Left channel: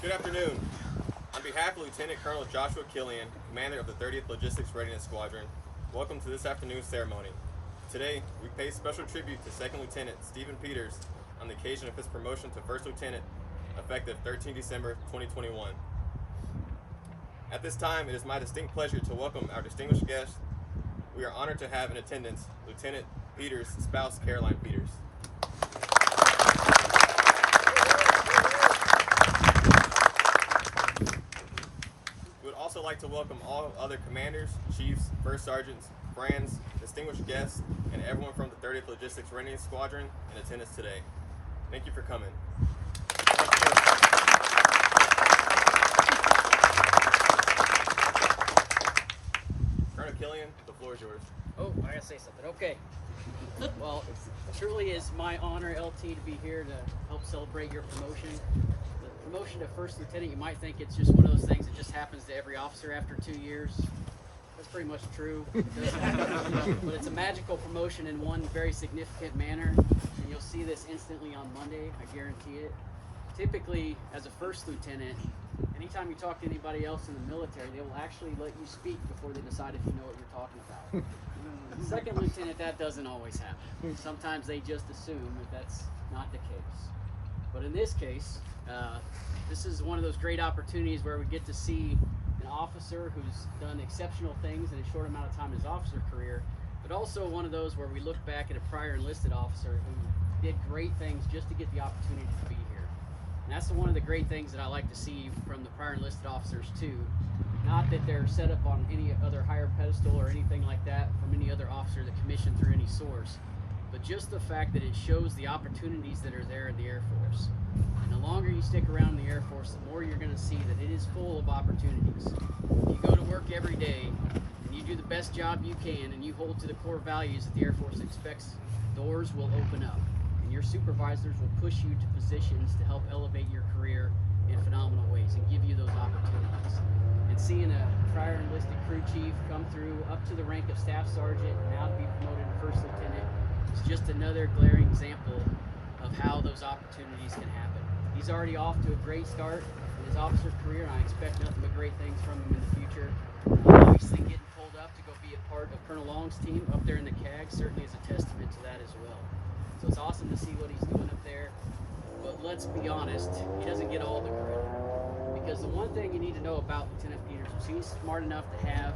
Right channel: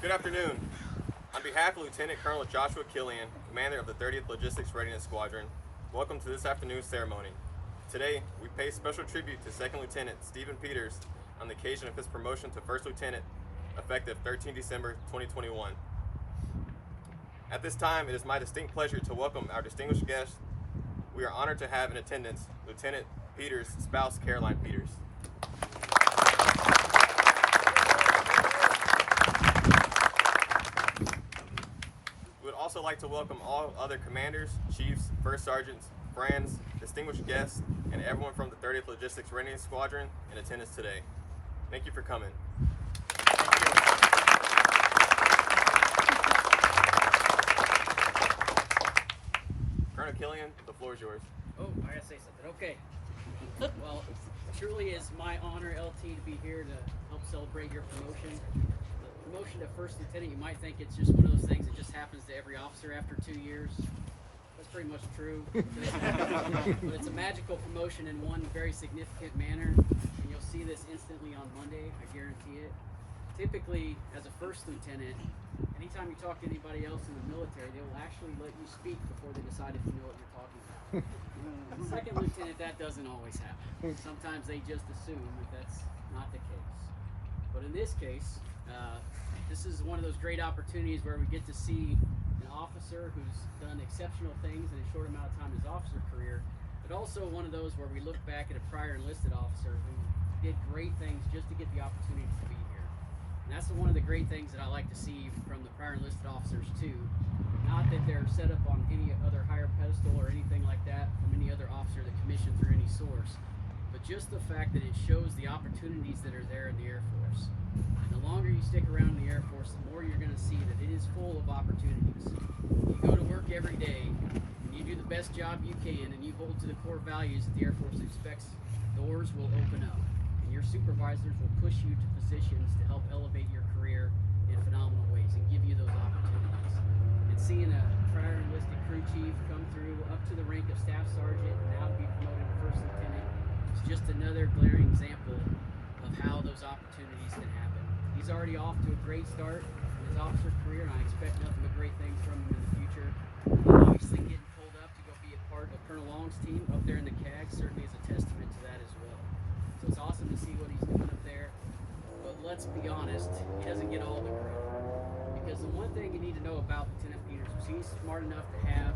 Good afternoon. On behalf of Lieutenant Colonel Joshua Killian, Commander of the 30th Logistics Readiness Squadron, welcome to this afternoon's ceremony. Today, we pay special tribute to Second Lieutenant Stephen Peters on the occasion of his promotion to First Lieutenant, effective 13 December 2021. At this time, it is my distinct pleasure to welcome our distinguished guest. We are honored to have in attendance Lieutenant Peters' spouse, Caroline Peters. We would also like to welcome all other commanders, chiefs, first sergeants, friends, distinguished guests, and everyone from the 30th Logistics Readiness Squadron in attendance today. Thank you for coming. Colonel Killian, the floor is yours. Oh, I gotta say something. Okay. Well, it truly is my honor, LT, to be here to help celebrate your promotion. The promotion to First Lieutenant, you might think it's just one of those things that just happens to every officer after 2 years. That's pretty much true. But it's a magical promotion in one very significant manner. And you'll see this instantly on Monday, I guarantee it. Typically, as a First Lieutenant, anytime you talk to anybody else in the military, they will actually let you speak before they decide if you know what you're talking about. Second Lieutenant, that doesn't always happen. Sometimes they just assume that that's not the case. But in this case, this is one of those great opportunities where we get to see an officer who's done exceptional things in a short amount of time in his officer career, but also one of those where we look back at a prior enlisted officer who did great things just to get the opportunity to be here. And that's one of the great things that I like to see from the prior enlisted officers too. Not that they're set up on any other higher pedestal or anything like that from any other officer that commissioned through any source, but just the fact that it shows the opportunities that are there in the Air Force. And the longer you stick around in the Air Force, the more you're going to see that it is full of opportunities. You go to work every day and you do the best job you can and you hold to the core values that the Air Force expects, doors will open up. And your supervisors will push you to positions to help elevate your career in phenomenal ways and give you those opportunities. And seeing a prior enlisted crew chief come through up to the rank of staff sergeant and now to be promoted to first lieutenant is just another glaring example of how those opportunities can happen. He's already off to a great start in his officer career, and I expect nothing but great things from him in the future. Obviously, getting pulled up to go be a part of Colonel Long's team up there in the CAG certainly is a testament to that as well. So it's awesome to see what he's doing up there. But let's be honest, he doesn't get all the credit. Because the one thing you need to know about Lieutenant Peters is he's smart enough to have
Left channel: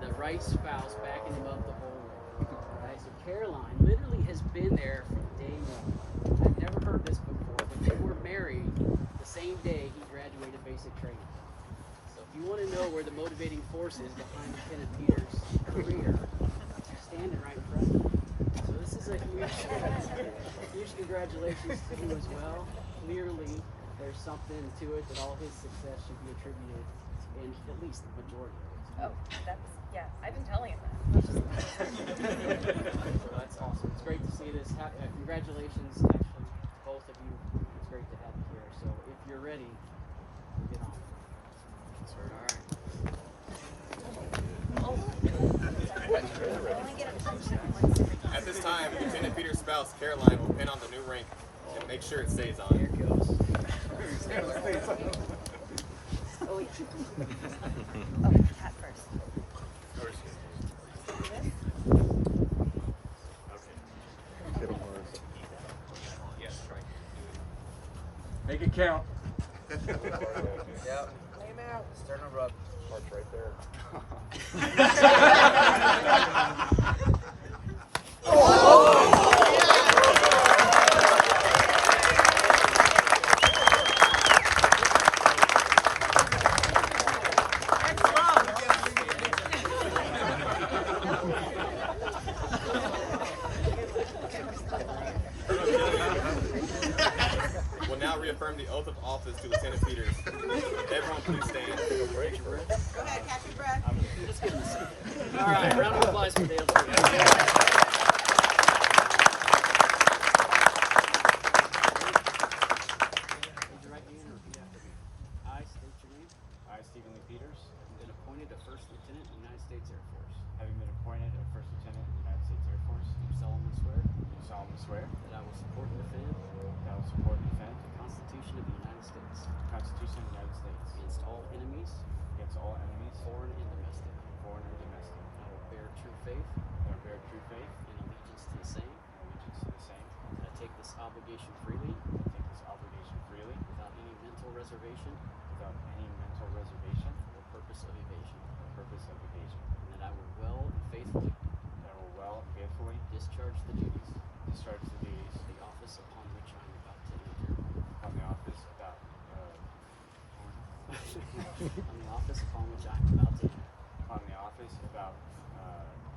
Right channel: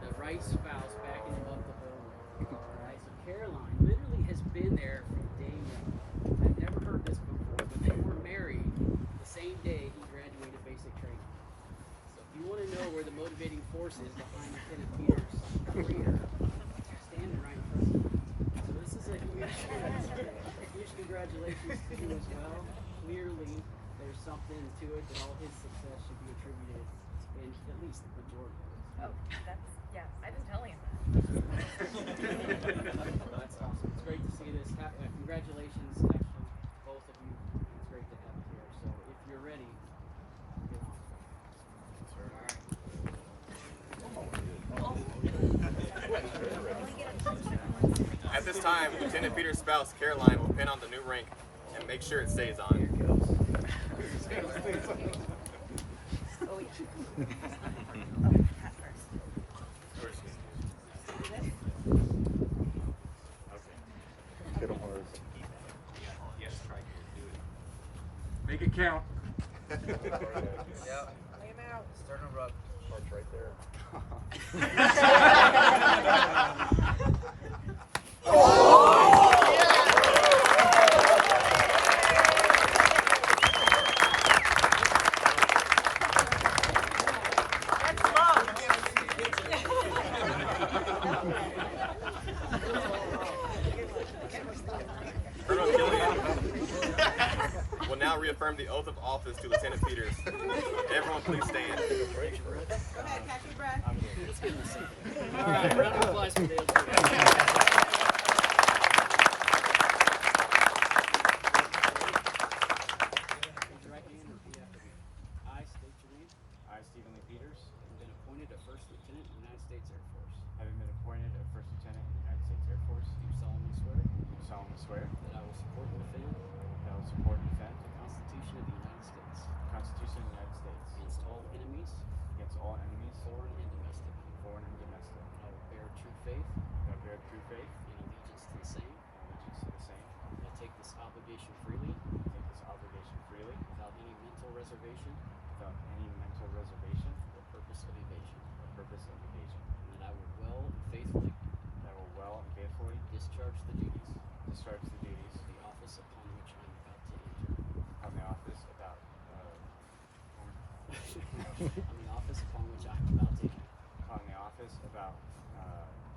the right spouse backing him up the whole way. Right? So Caroline literally has been there from day one. I've never heard this before, but they were married the same day he graduated basic training. So if you want to know where the motivating force is behind Lieutenant Peters' career, standing right in front of you. So this is a huge congratulations to you as well. Clearly, there's something to it that all his success should be attributed in at least the majority of it. Oh, yeah, I've been telling him that. So that's awesome. It's great to see this. Congratulations, actually, to both of you. It's great to have you here. So if you're ready, we'll get on with it. All right. At this time, Lieutenant Peters' spouse, Caroline, will pin on the new rank and make sure it stays on. Here it goes. Cat first. Yes, try to do it. Make it count. Yeah. Lay him out. Sternum rub. March right there. Will now reaffirm the oath of office to Lieutenant Peters. Everyone please stand. Let's give him a second. All right, round of applause for Dale. Stephen Lee Peters, Having been appointed a First Lieutenant in the United States Air Force, having been appointed a First Lieutenant in the United States Air Force, do solemnly swear do solemnly swear that I will support and defend that I will support and defend the Constitution of the United States the Constitution against all enemies, foreign and domestic. foreign and domestic. I will bear true faith That I will bear true faith and allegiance to the same. and allegiance to the same. That I take this obligation freely I take this obligation freely without any mental reservation without any mental reservation or purpose of evasion. or purpose of evasion. And that I will well and faithfully That I will well and faithfully discharge the duties discharge the duties of the office upon which I am about to enter. on the office about On the office upon which I am about to enter. on the office about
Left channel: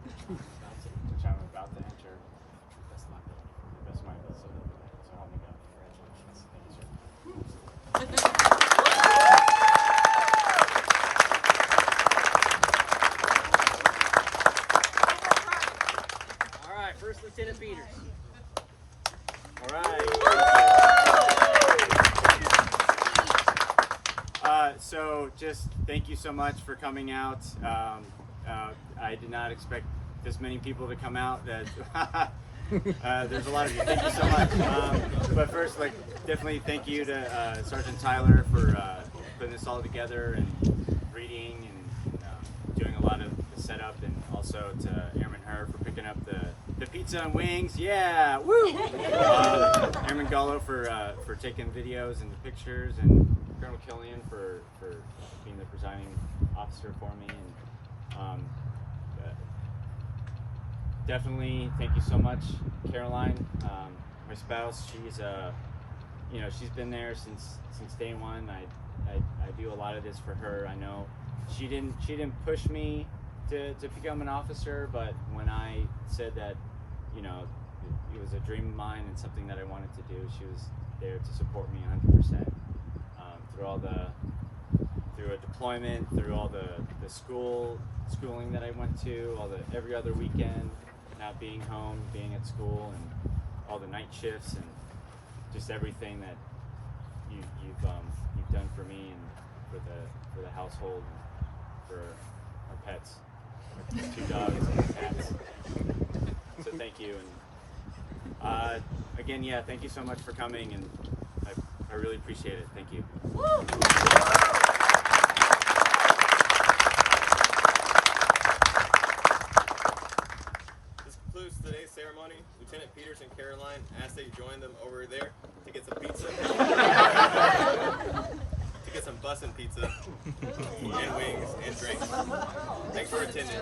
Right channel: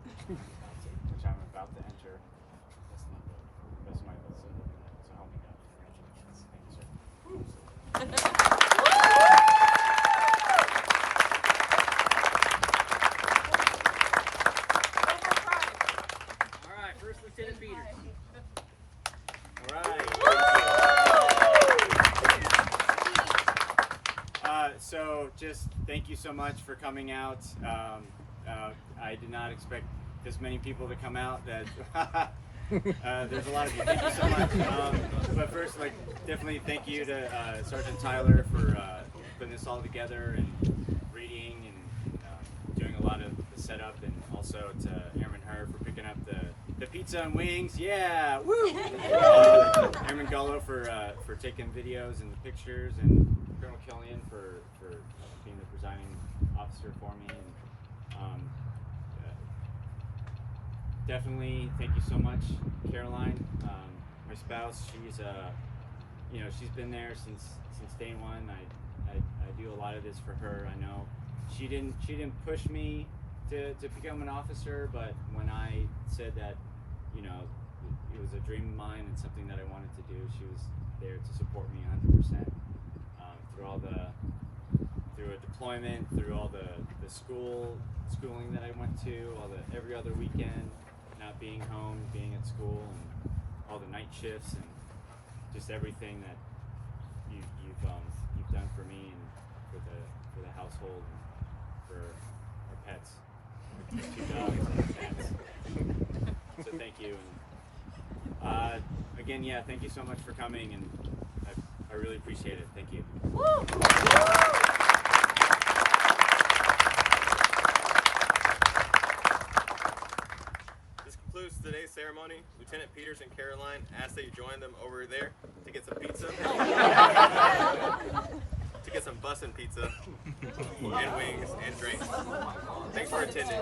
Which I am about to enter. which I'm about to enter To the best of my ability. to the best of my ability. So help me God. So help me God. Congratulations. Thank you, sir. All right, First Lieutenant Peters. All right. So just thank you so much for coming out. I did not expect this many people to come out. That there's a lot of you. Thank you so much. But first, definitely thank you to Sergeant Tyler for putting this all together and reading and doing a lot of the setup, and also to Airman Her for picking up the pizza and wings. Yeah, woo! Airman Gullo for taking videos and the pictures, and Colonel Killian for being the presiding officer for me. And definitely thank you so much, Caroline, my spouse. She's she's been there since day one. I do a lot of this for her. I know she didn't push me to become an officer, but when I said that it was a dream of mine and something that I wanted to do, she was there to support me 100%. Through a deployment, through all the schooling that I went to, every other weekend, not being home, being at school, and all the night shifts, and just everything that you've done for me and for the household and for our pets, our 2 dogs and cats. So thank you, and again, yeah, thank you so much for coming, and I really appreciate it. Thank you. This concludes today's ceremony. Lieutenant Peters and Caroline ask that you join them over there to get some pizza. To get some bussin' pizza and wings and drinks. Thanks for attending.